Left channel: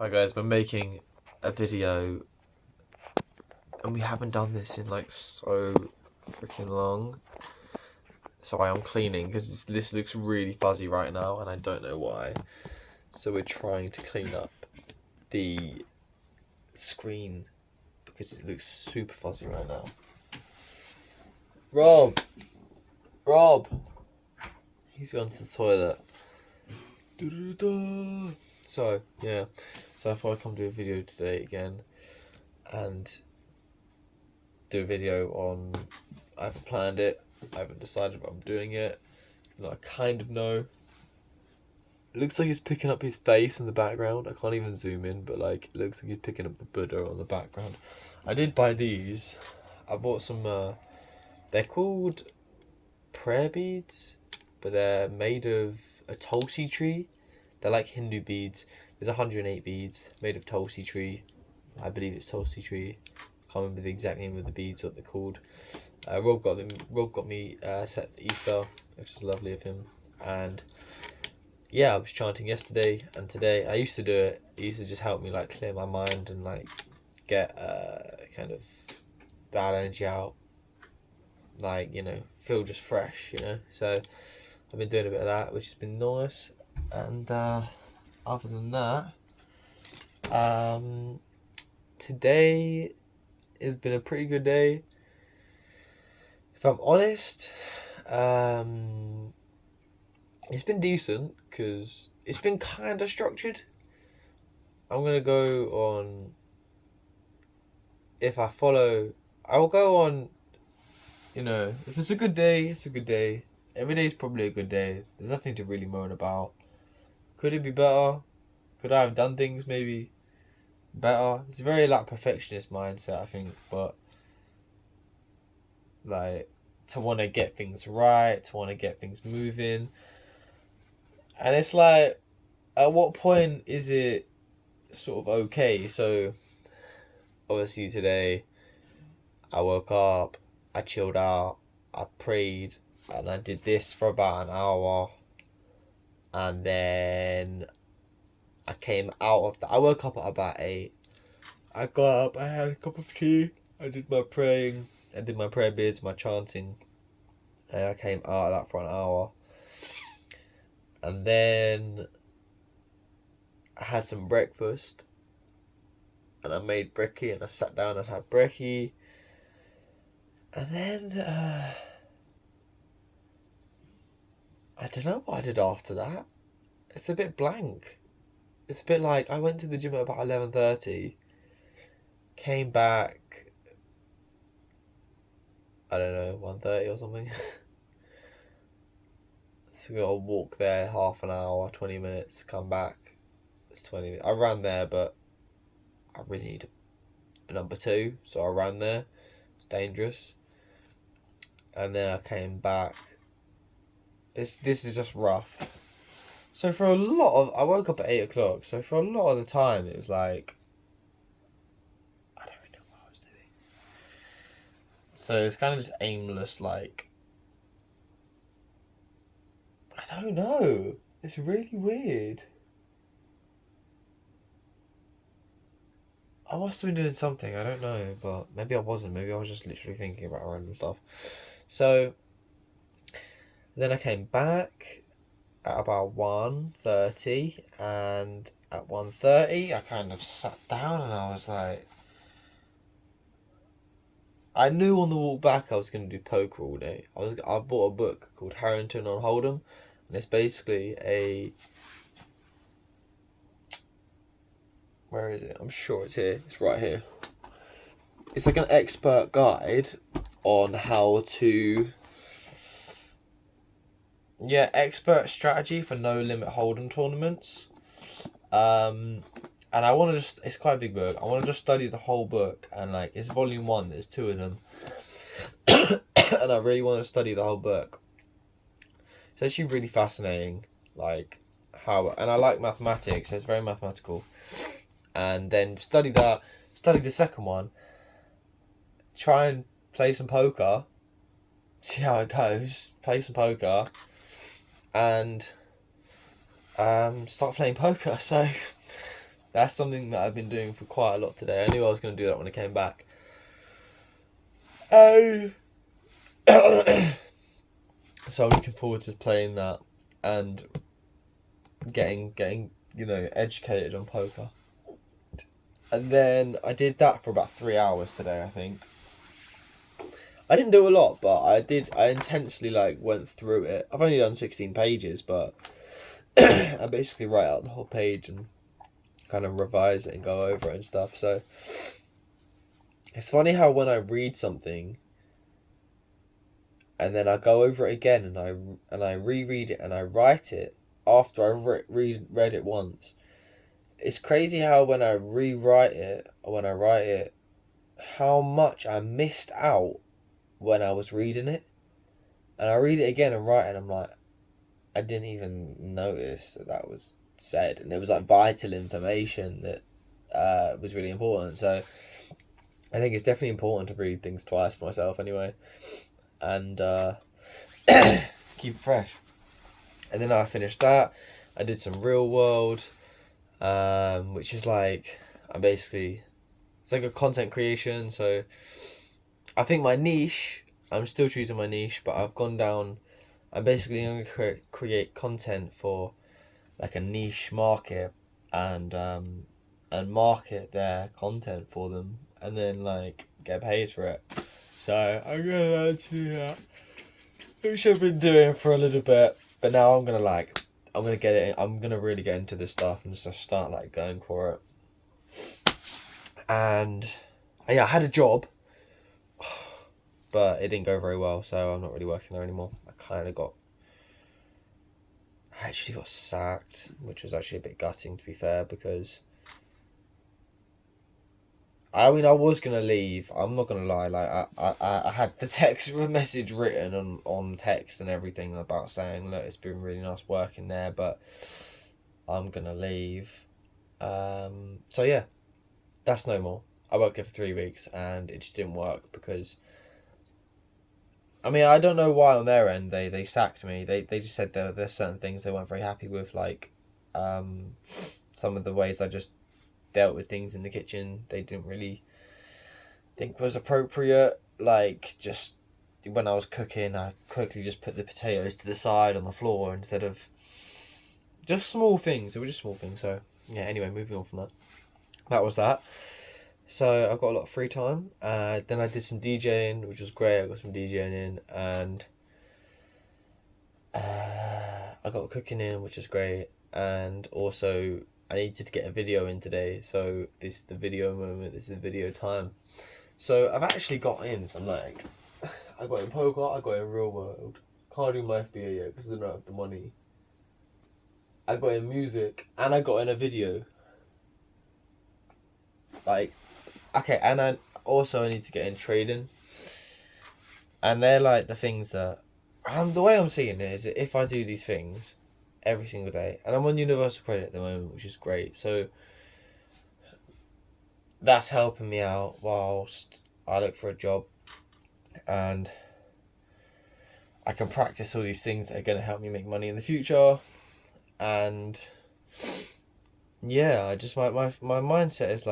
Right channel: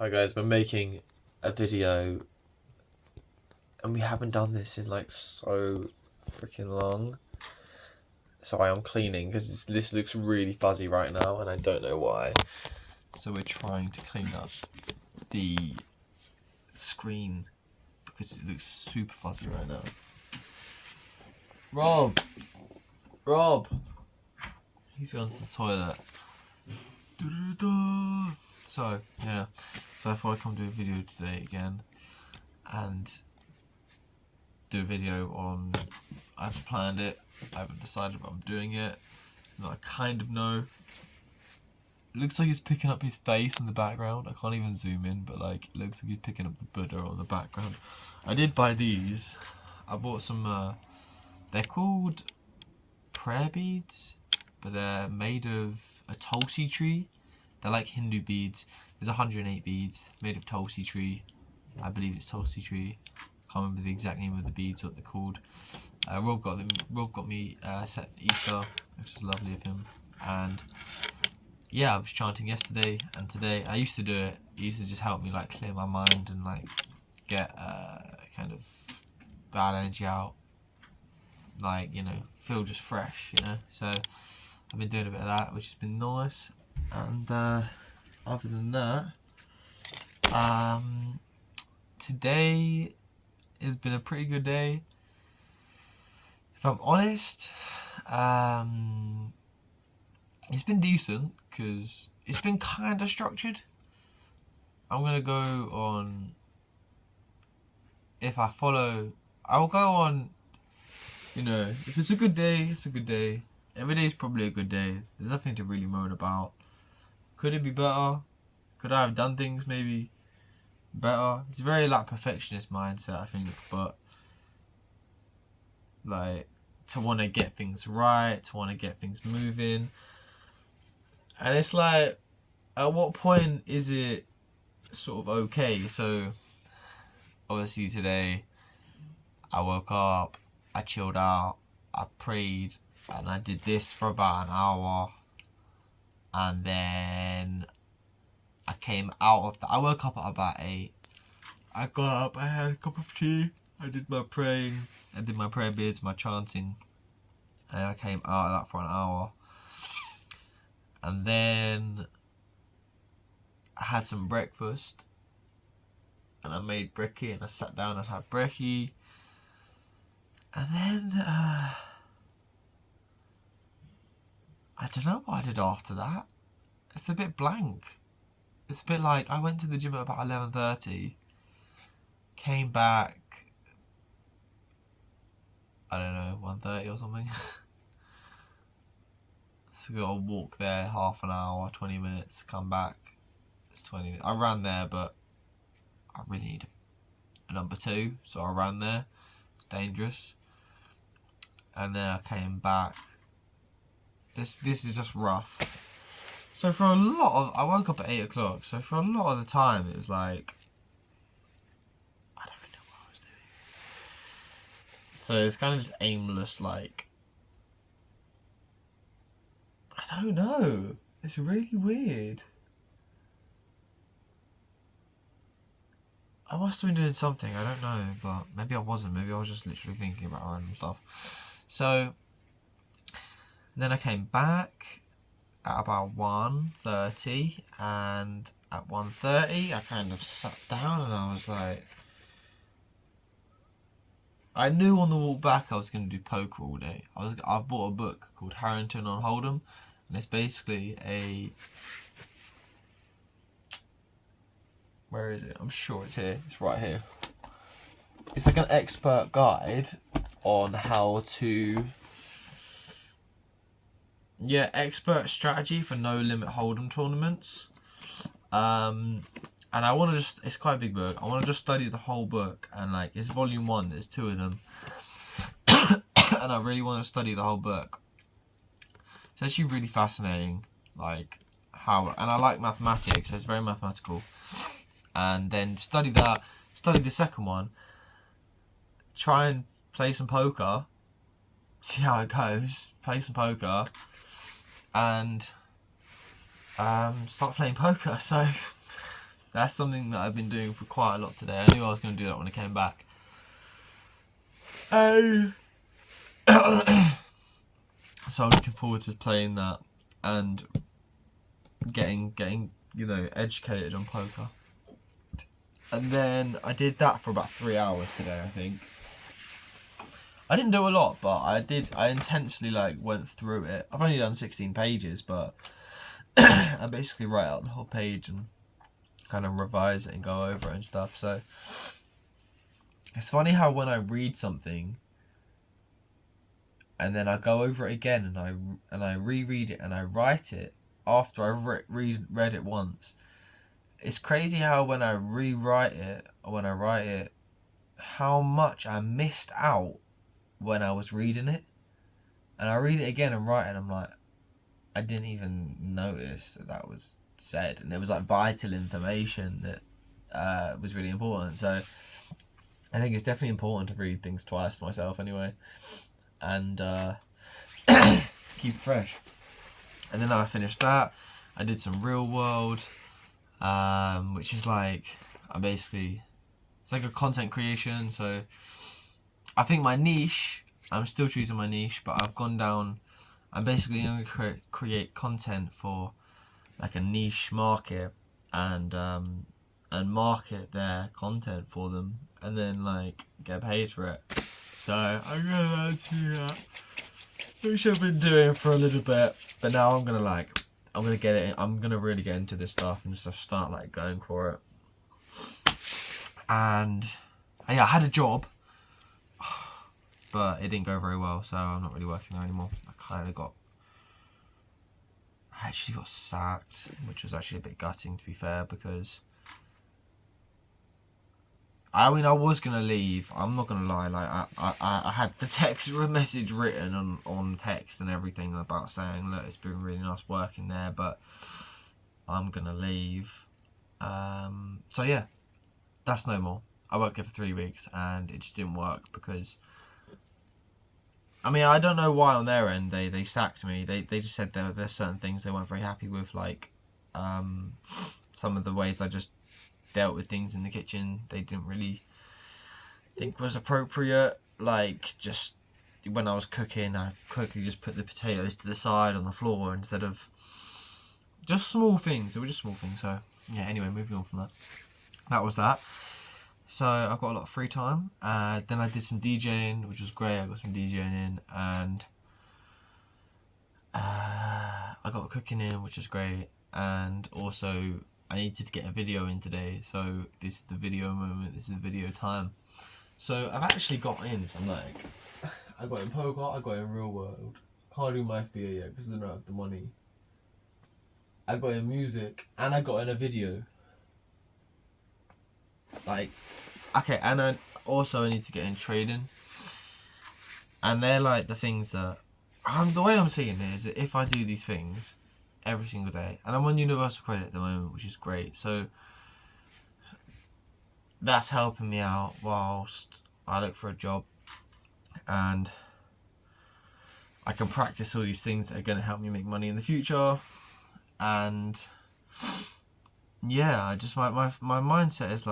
Hi guys, we're making a video and we haven't done this in like so freaking long. So I am cleaning because this looks really fuzzy right now and I don't know why. So we're trying to clean up the screen because it looks super fuzzy right now. Rob! He's gone to the toilet. So yeah, so I thought I'd come do a video today again and do a video on, I haven't planned it, I haven't decided if I'm doing it, I kind of know. It looks like he's picking up his face in the background. I can't even zoom in, but like it looks like he's picking up the Buddha on the background. I did buy these. I bought some, they're called prayer beads, but they're made of a tulsi tree. They're like Hindu beads. There's 108 beads made of tulsi tree. I believe it's tulsi tree. Can't remember the exact name of the beads, what they're called. Rob got me set for Easter, which was lovely of him. And yeah, I was chanting yesterday and today. I used to do it. It used to just help me like clear my mind and like get kind of bad energy out. Like, you know, feel just fresh, you know. So I've been doing a bit of that, which has been nice. And other than that, today has been a pretty good day. If I'm honest, it's been decent because it's been kind of structured. I'm gonna go on. If I follow, I will go on. You know, if it's a good day, it's a good day. Every day is probably a good day. There's nothing to really moan about. Could it be better? Could I have done things maybe better? It's a very like perfectionist mindset, I think, but like to want to get things right, to want to get things moving. And it's like, at what point is it sort of okay? So obviously today I woke up, I chilled out, I prayed, and I did this for about an hour. And then I came out of that. I woke up at about 8. I got up, I had a cup of tea, I did my praying, I did my prayer beads, my chanting, and I came out of that for an hour. And then I had some breakfast, and I made brekkie, and I sat down and had brekkie. And then, I don't know what I did after that. It's a bit blank. It's a bit like I went to the gym at about 11:30, came back, I don't know, 1:30 or something. So got to walk there half an hour, 20 minutes, come back. It's 20 minutes. I ran there, but I really need a number 2, so I ran there. It's dangerous. And then I came back. This is just rough. So for a lot of, I woke up at 8 o'clock. So for a lot of the time, it was like, I don't really know what I was doing. So it's kind of just aimless, like, I don't know. It's really weird. I must have been doing something, I don't know, but maybe I wasn't. Maybe I was just literally thinking about random stuff. So then I came back at about 1:30, and at 1:30 I kind of sat down and I was like, I knew on the walk back I was going to do poker all day. I bought a book called Harrington on Hold'em, and it's basically a, where is it? I'm sure it's here. It's right here. It's like an expert guide on how to, expert strategy for no limit Hold'em tournaments. And I want to just, it's quite a big book. I want to just study the whole book, and like it's volume 1. There's 2 of them, and I really want to study the whole book. It's actually really fascinating, like how, and I like mathematics, so it's very mathematical. And then study that, study the second one, try and play some poker, see how it goes, play some poker, and start playing poker. So That's something that I've been doing for quite a lot today. I knew I was going to do that when I came back. So I'm looking forward to playing that and getting educated on poker. And then I did that for about 3 hours today, I think. I didn't do a lot, but I intensely went through it. I've only done 16 pages, but I basically write out the whole page and kind of revise it and go over it and stuff. So it's funny how when I read something and then I go over it again and I reread it and I write it after I've read it once. It's crazy how when I rewrite it or when I write it, how much I missed out when I was reading it. And I read it again and write it and I'm like, I didn't even notice that was said. And it was vital information that was really important. So I think it's definitely important to read things twice for myself anyway. And keep it fresh. And then I finished that. I did some real world, which is it's like a content creation. So I think my niche, I'm still choosing my niche, but I've gone down. I'm basically going to create content for a niche market and market their content for them, and then get paid for it. So I'm gonna do that, which I've been doing for a little bit, but now I'm gonna get it. I'm gonna really get into this stuff and just start going for it. And yeah, I had a job, but it didn't go very well, so I'm not really working there anymore. I actually got sacked, which was actually a bit gutting, to be fair, because I was gonna leave. I'm not gonna lie. I had the text message written on text and everything about saying, look, it's been really nice working there, but I'm gonna leave. So yeah, that's no more. I worked there for 3 weeks and it just didn't work because, I don't know why on their end they sacked me. They just said there's certain things they weren't very happy with, some of the ways I just dealt with things in the kitchen. They didn't really think was appropriate. Just when I was cooking, I quickly just put the potatoes to the side on the floor instead of just small things. It was just small things. So yeah. Anyway, moving on from that. That was that. So I've got a lot of free time. Then I did some DJing, which was great. I got some DJing in, and I got cooking in, which was great. And also, I needed to get a video in today, so this is the video moment. This is the video time. So I've actually got in some I got in poker, I got in real world. Can't do my FBA yet because I don't have the money. I got in music and I got in a video. Okay, and I also need to get in trading. And they're the things that the way I'm seeing it is that if I do these things every single day, and I'm on universal credit at the moment, which is great, so that's helping me out whilst I look for a job, and I can practice all these things that are going to help me make money in the future. And yeah, I just my mindset is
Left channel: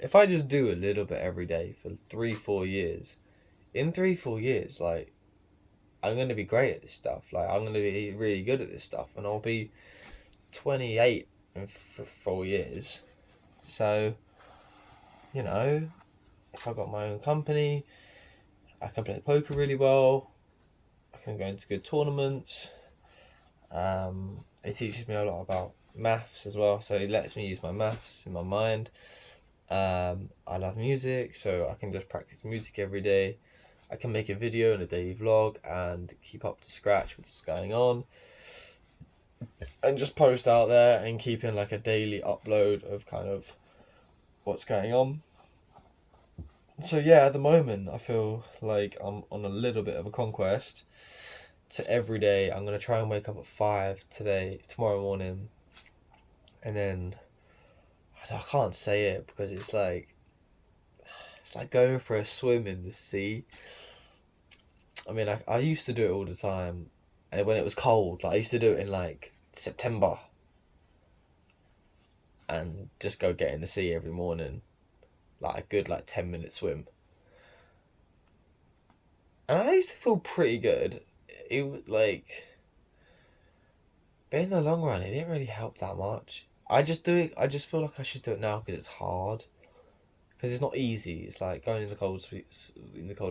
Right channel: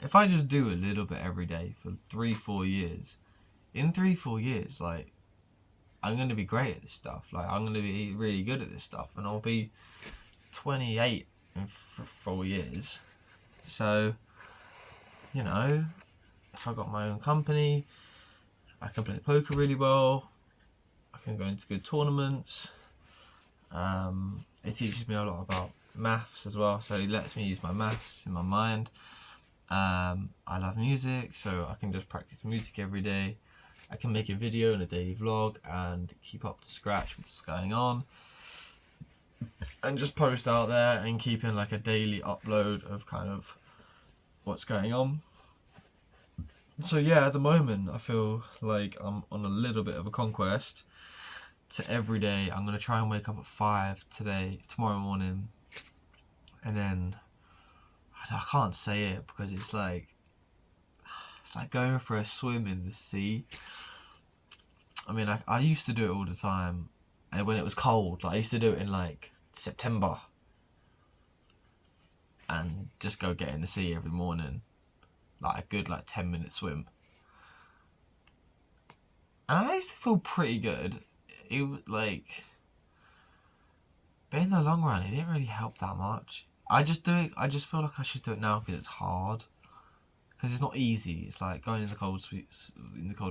if I just do a little bit every day for 3-4 years, in 3-4 years, I'm going to be great at this stuff. I'm going to be really good at this stuff, and I'll be 28 in 4 years. So, if I got my own company, I can play poker really well. I can go into good tournaments. It teaches me a lot about maths as well, so it lets me use my maths in my mind. I love music, so I can just practice music every day. I can make a video and a daily vlog and keep up to scratch with what's going on, and just post out there and keep in a daily upload of kind of what's going on. So yeah, at the moment I feel like I'm on a little bit of a conquest. So every day I'm going to try and wake up at 5 tomorrow morning, and then I can't say it because it's like going for a swim in the sea. I used to do it all the time, and when it was cold, I used to do it in September, and just go get in the sea every morning, like a good 10-minute swim. And I used to feel pretty good. It was like, but in the long run, it didn't really help that much. I just do it. I just feel like I should do it now because it's hard. Because it's not easy. It's like going in the cold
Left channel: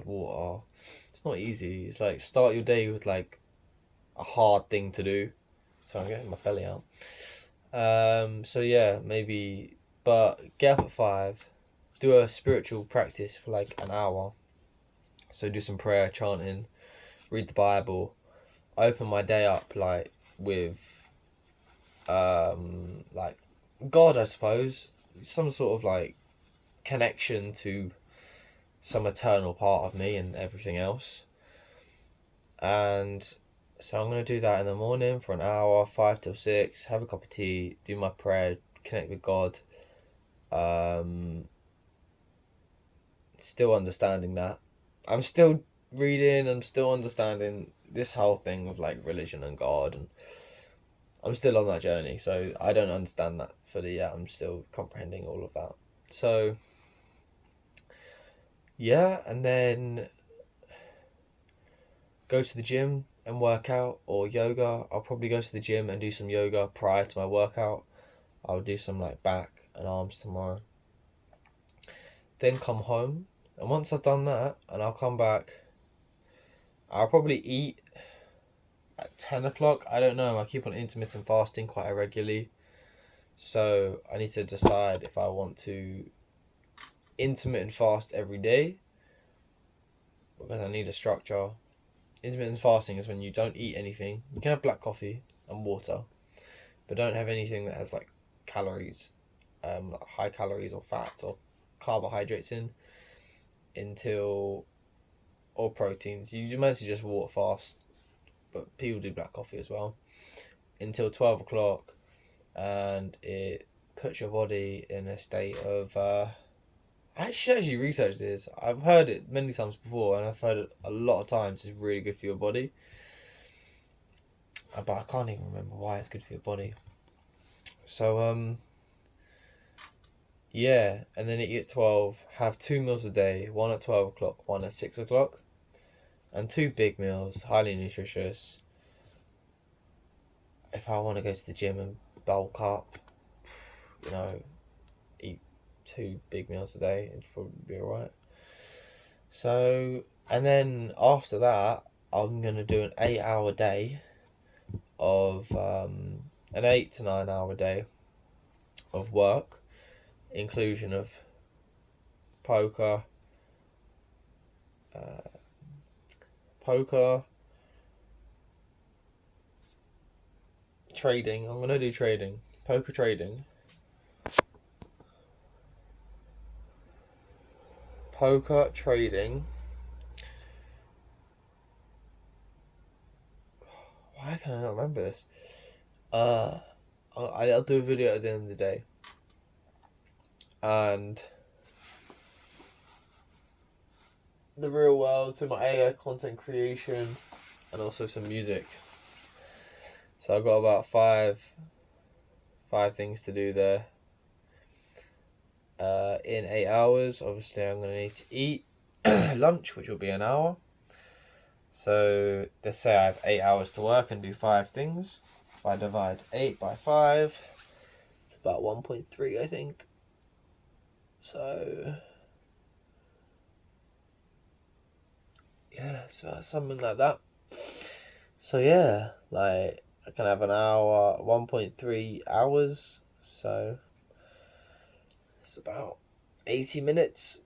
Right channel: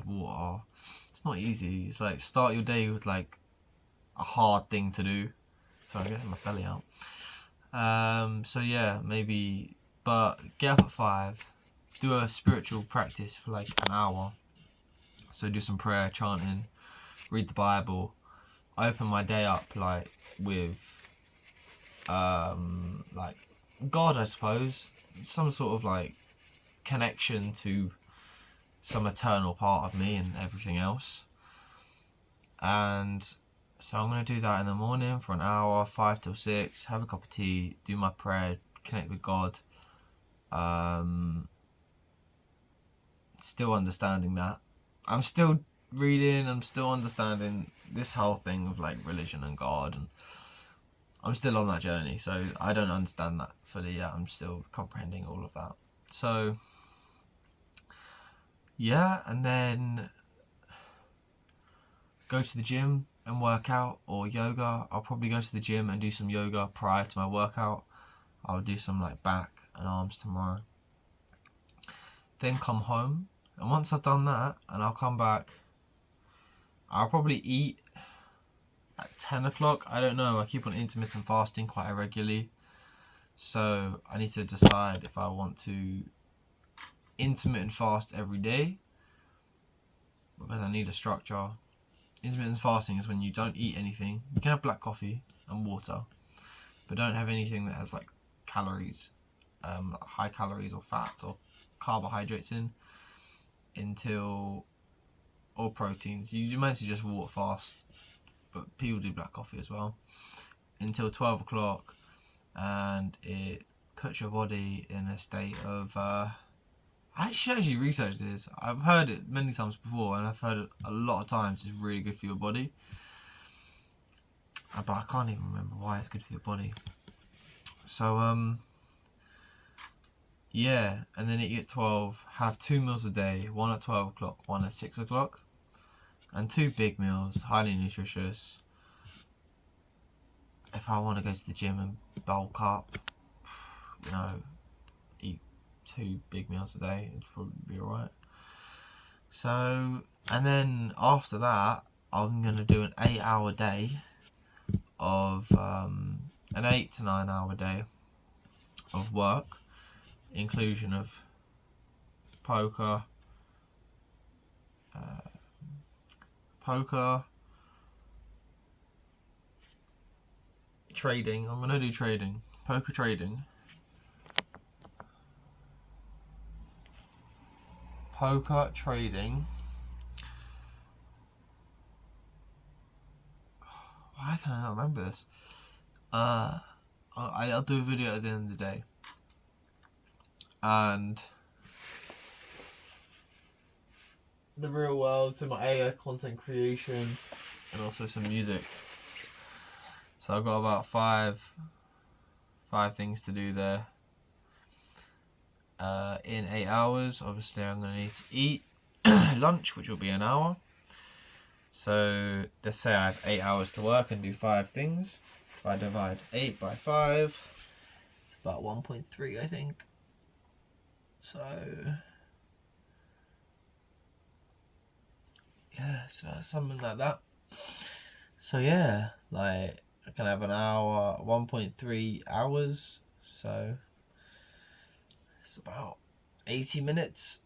water. It's not easy. It's like start your day with like a hard thing to do. Sorry, I'm getting my belly out. So yeah, maybe, but get up at 5, do a spiritual practice for like an hour. So do some prayer, chanting, read the Bible, open my day up like with like God, I suppose, some sort of like connection to some eternal part of me and everything else. And so I'm going to do that in the morning for an hour, 5 till 6, have a cup of tea, do my prayer, connect with God. Still understanding that. I'm still reading, I'm still understanding this whole thing of like religion and God, and I'm still on that journey, so I don't understand that fully yet. I'm still comprehending all of that. So yeah, and then go to the gym and work out, or yoga. I'll probably go to the gym and do some yoga prior to my workout. I'll do some like back and arms tomorrow. Then come home, and once I've done that, and I'll come back, I'll probably eat at 10 o'clock. I don't know, I keep on intermittent fasting quite irregularly, so I need to decide if I want to intermittent fast every day, because I need a structure. Intermittent fasting is when you don't eat anything. You can have black coffee and water, but don't have anything that has like calories, high calories or fats or carbohydrates or proteins. You might just water fast, but people do black coffee as well, until 12 o'clock, and it puts your body in a state of I should actually research this. I've heard it many times before, and I've heard it a lot of times. It's really good for your body, but I can't even remember why it's good for your body. So yeah, and then eat at 12. Have 2 meals a day, one at 12 o'clock, one at 6 o'clock, and 2 big meals, highly nutritious. If I want to go to the gym and bulk up, eat 2 big meals a day, it'd probably be alright. So, and then after that, I'm going to do an 8-hour day of, an 8 to 9 hour day of work, inclusion of poker, trading. I'm going to do trading, poker trading, Why can I not remember this? I'll do a video at the end of the day, and the real world, so my AI content creation, and also some music. So I've got about five things to do there. In 8 hours, obviously I'm going to need to eat lunch, which will be an hour. So let's say I have 8 hours to work and do 5 things. If I divide 8 by 5, it's about 1.3, I think. So yeah, so something like that. So yeah, like I can have an hour, 1.3 hours. So it's about 80 minutes.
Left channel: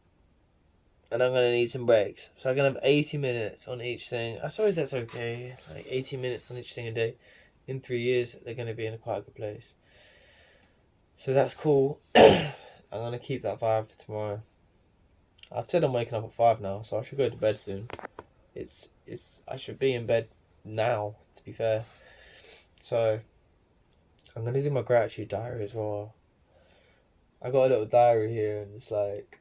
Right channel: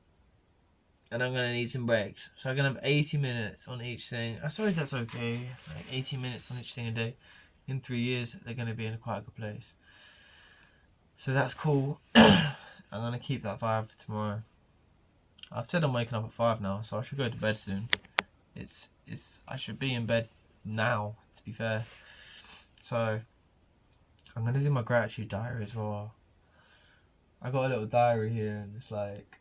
And I'm going to need some breaks. So I'm going to have 80 minutes on each thing. I suppose that's okay. Like 80 minutes on each thing a day. In 3 years, they're going to be in a quite a good place. So that's cool. I'm going to keep that vibe for tomorrow. I've said I'm waking up at 5 now, so I should go to bed soon. I should be in bed now, to be fair. So I'm going to do my gratitude diary as well. I got a little diary here, and it's like,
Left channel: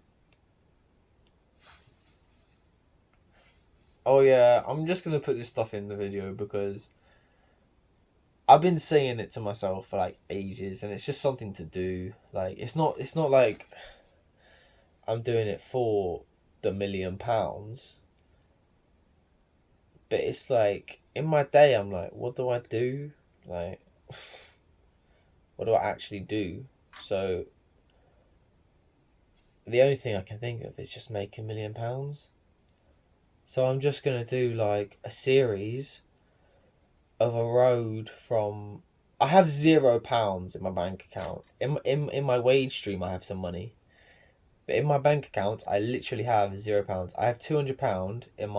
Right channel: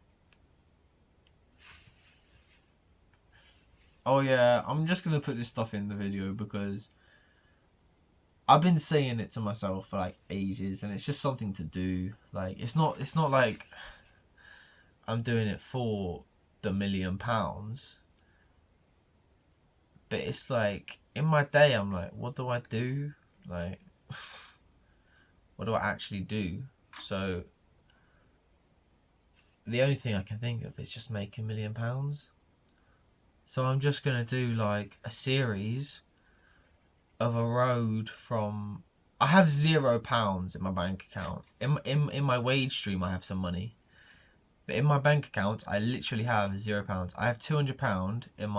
oh yeah, I'm just going to put this stuff in the video because I've been saying it to myself for like ages, and it's just something to do. Like it's not like I'm doing it for the £1,000,000, but it's like in my day I'm like, what do I do? Like, what do I actually do? So the only thing I can think of is just make £1,000,000. So I'm just gonna do like a series of a road from. I have £0 in my bank account. In my wage stream, I have some money, but in my bank account, I literally have £0. I have £200 in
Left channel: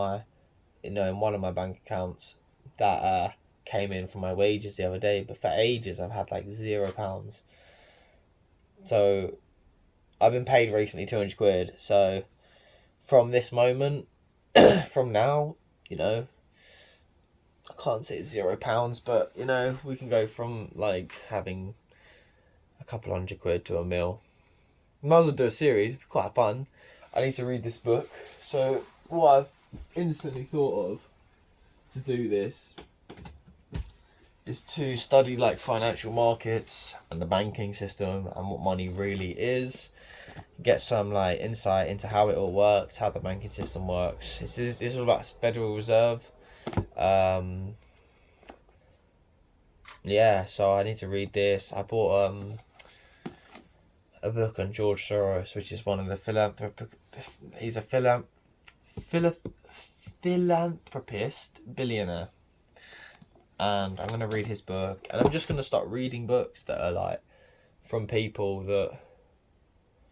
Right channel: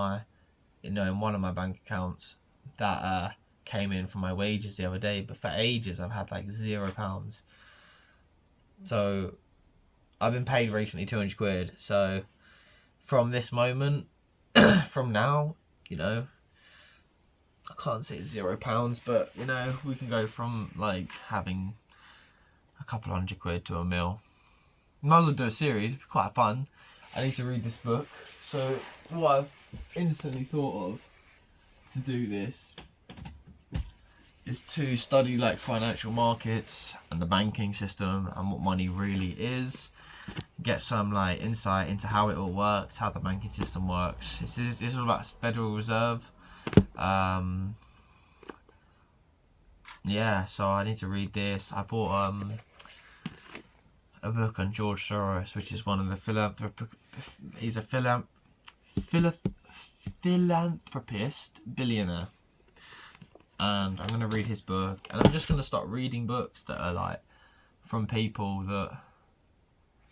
in one of my bank accounts that came in from my wages the other day. But for ages, I've had like £0. So I've been paid recently £200. So from this moment, from now, I can't say it's £0, but we can go from like having a couple £100 to £1,000,000. Might as well do a series, it'd be quite fun. I need to read this book. So what I've instantly thought of to do this is to study like financial markets and the banking system and what money really is. Get some like insight into how it all works, how the banking system works. It's all about Federal Reserve. Yeah, so I need to read this. I bought a book on George Soros, which is one of the he's a philanthropist billionaire, and I'm gonna read his book, and I'm just gonna start reading books that are like from people that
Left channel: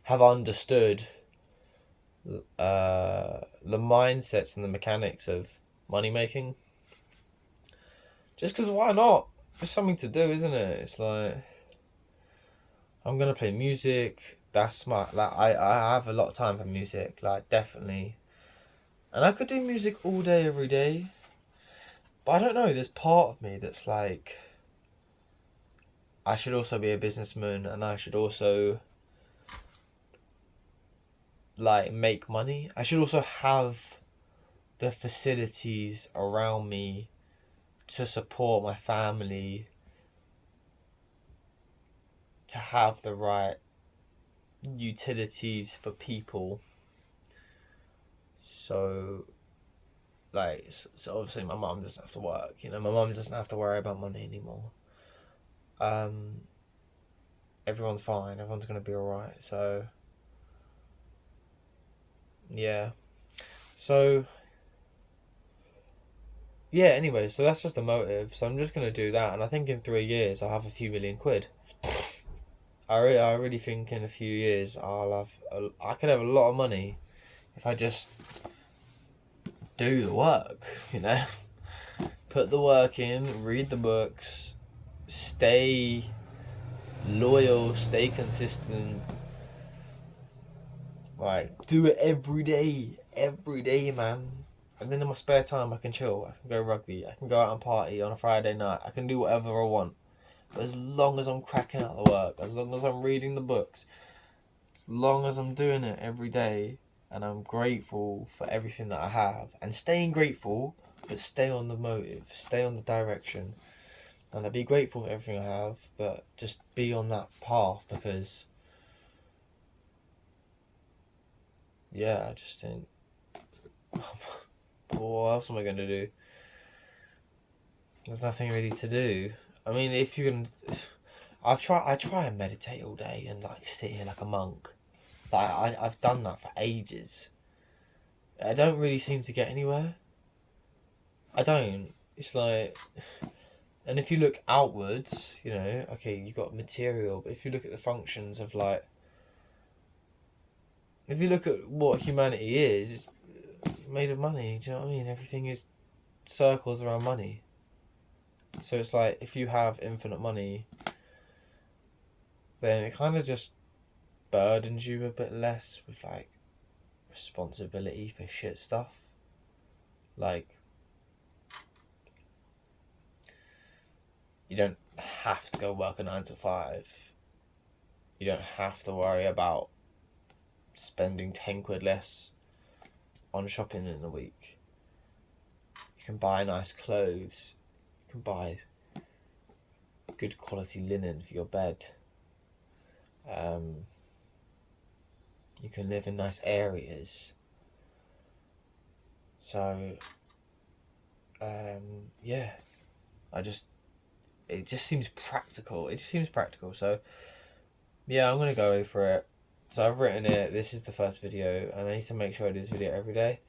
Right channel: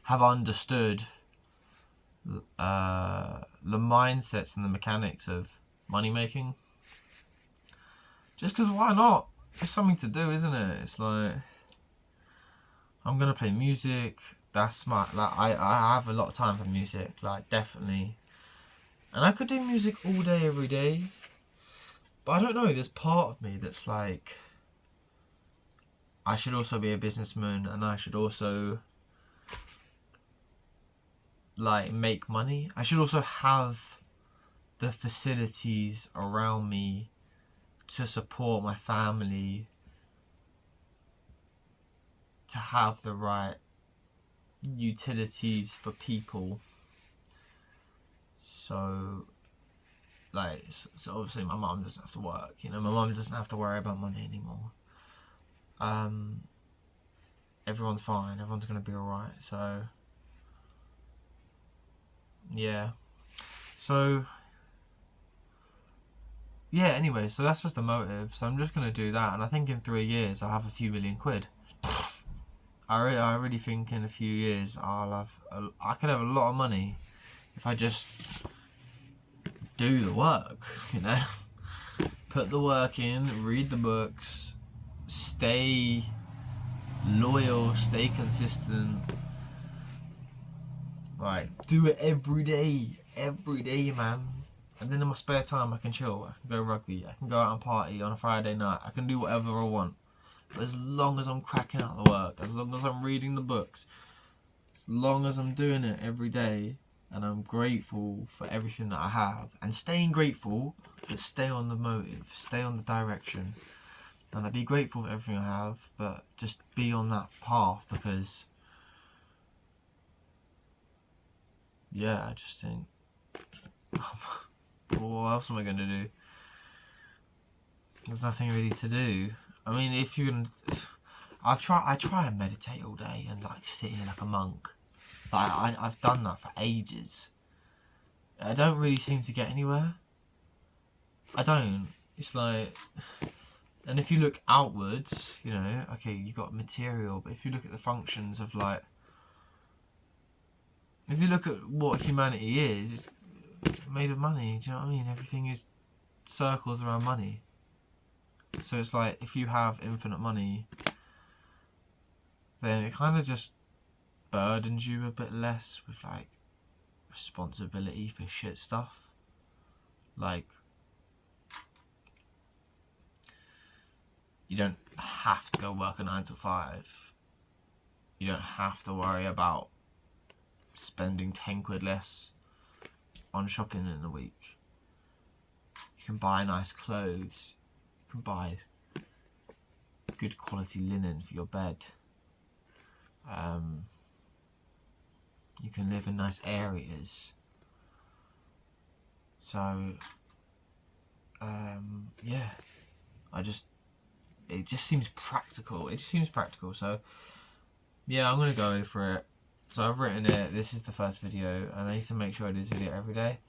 have understood the mindsets and the mechanics of money making. Just because why not? It's something to do, isn't it? It's like I'm gonna play music. That's I have a lot of time for music, like definitely. And I could do music all day, every day. But I don't know, there's part of me that's like I should also be a businessman, and I should also like make money. I should also have the facilities around me to support my family, to have the right utilities for people. So obviously my mum doesn't have to work, my mum doesn't have to worry about money anymore. Everyone's fine, everyone's gonna be alright. So yeah. So yeah, anyway, so that's just the motive. So I'm just gonna do that, and I think in 3 years I'll have a few million quid. I really think in a few years I could have a lot of money if I just do the work, Put the work in, read the books, stay loyal, stay consistent. Like, do it every day, man. And then in my spare time, I can chill. I can go rugby. I can go out and party on a Friday night. I can do whatever I want. But as long as I'm cracking out the work, as long as I'm reading the books, as long as I'm doing it every day, and I'm grateful for everything that I have, and staying grateful, but stay on the motive, stay on the direction, and I'd be grateful for everything I have, but just be on that path, because yeah, I just think, what else am I going to do? There's nothing really to do. I mean, if you can, I try and meditate all day and like sit here like a monk. Like I've done that for ages. I don't really seem to get anywhere. I don't. It's like, and if you look outwards, okay, you got material, but if you look at the functions of like, if you look at what humanity is, it's made of money. Do you know what I mean? Everything is circles around money. So it's like, if you have infinite money, then it kind of just burdens you a bit less with like responsibility for shit stuff. Like, you don't have to go work a 9 to 5. You don't have to worry about spending 10 quid less on shopping in the week. You can buy nice clothes. You can buy good quality linen for your bed. You can live in nice areas. So, yeah, it just seems practical. It just seems practical. So, yeah, I'm gonna go for it. So I've written it. This is the first video, and I need to make sure I do this video every day.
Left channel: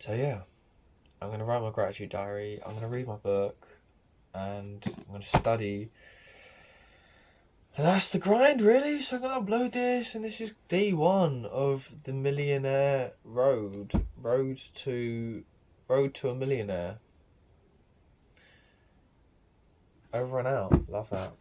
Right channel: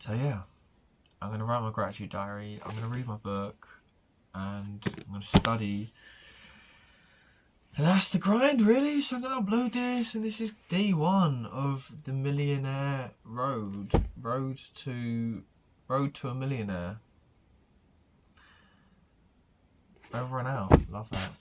So yeah, I'm gonna write my gratitude diary. I'm gonna read my book, and I'm gonna study. And that's the grind, really. So I'm gonna upload this, and this is D1 of the Millionaire Road to a Millionaire. Over and out. Love that.